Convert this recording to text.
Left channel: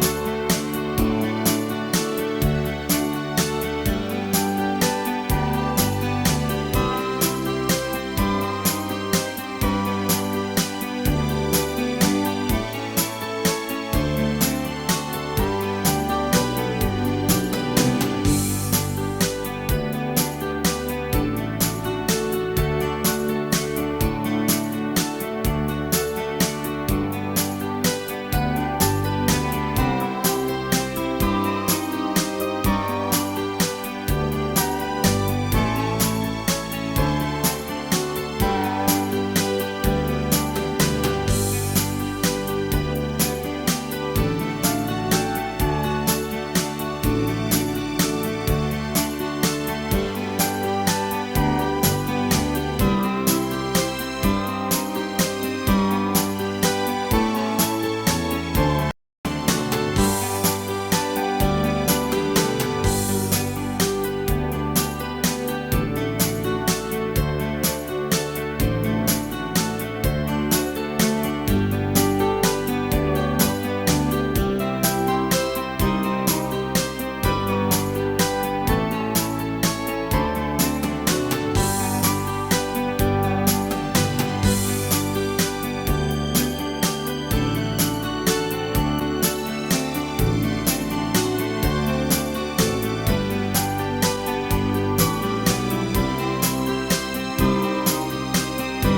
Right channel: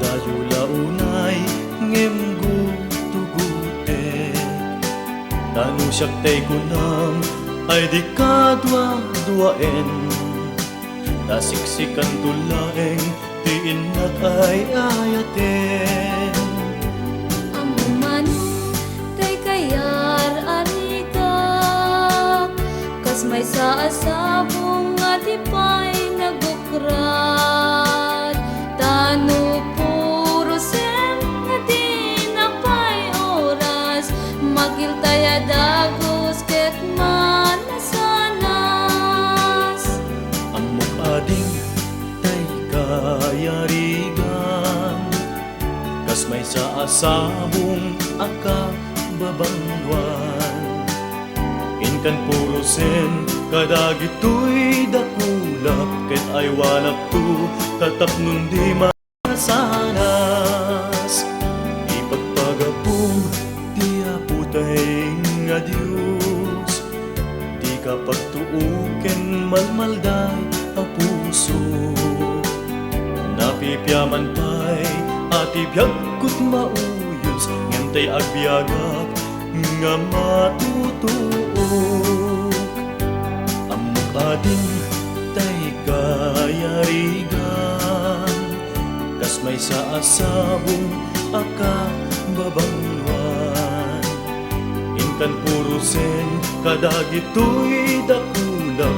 Kadayo launay ngem gutugutin Tanong siyak tay kunam ay di kadwa-duaen Nasiksikan ko laeng diin na ay ayaten Amuman kay kayar arika kas may saasabong alipay nagukrat tanu puro sem di napay oras magiltaya dagos ket manasanas Ang ading ay kayarigan Tas may saasabong akababangwan Inkan puro sen kadagito'y dakula Ket ay walak to tatapnong di masanas Ipagpagapu di aputay nga Diyos Di ka pagtuuken malmalday a puso Napipyaman tay atibiyag ko't mauyos Ngantay agbyagak nga matutuok Ang ading tay kayarigan Tas may saasabong akababangwan Intan puro sen kadagito'y dakula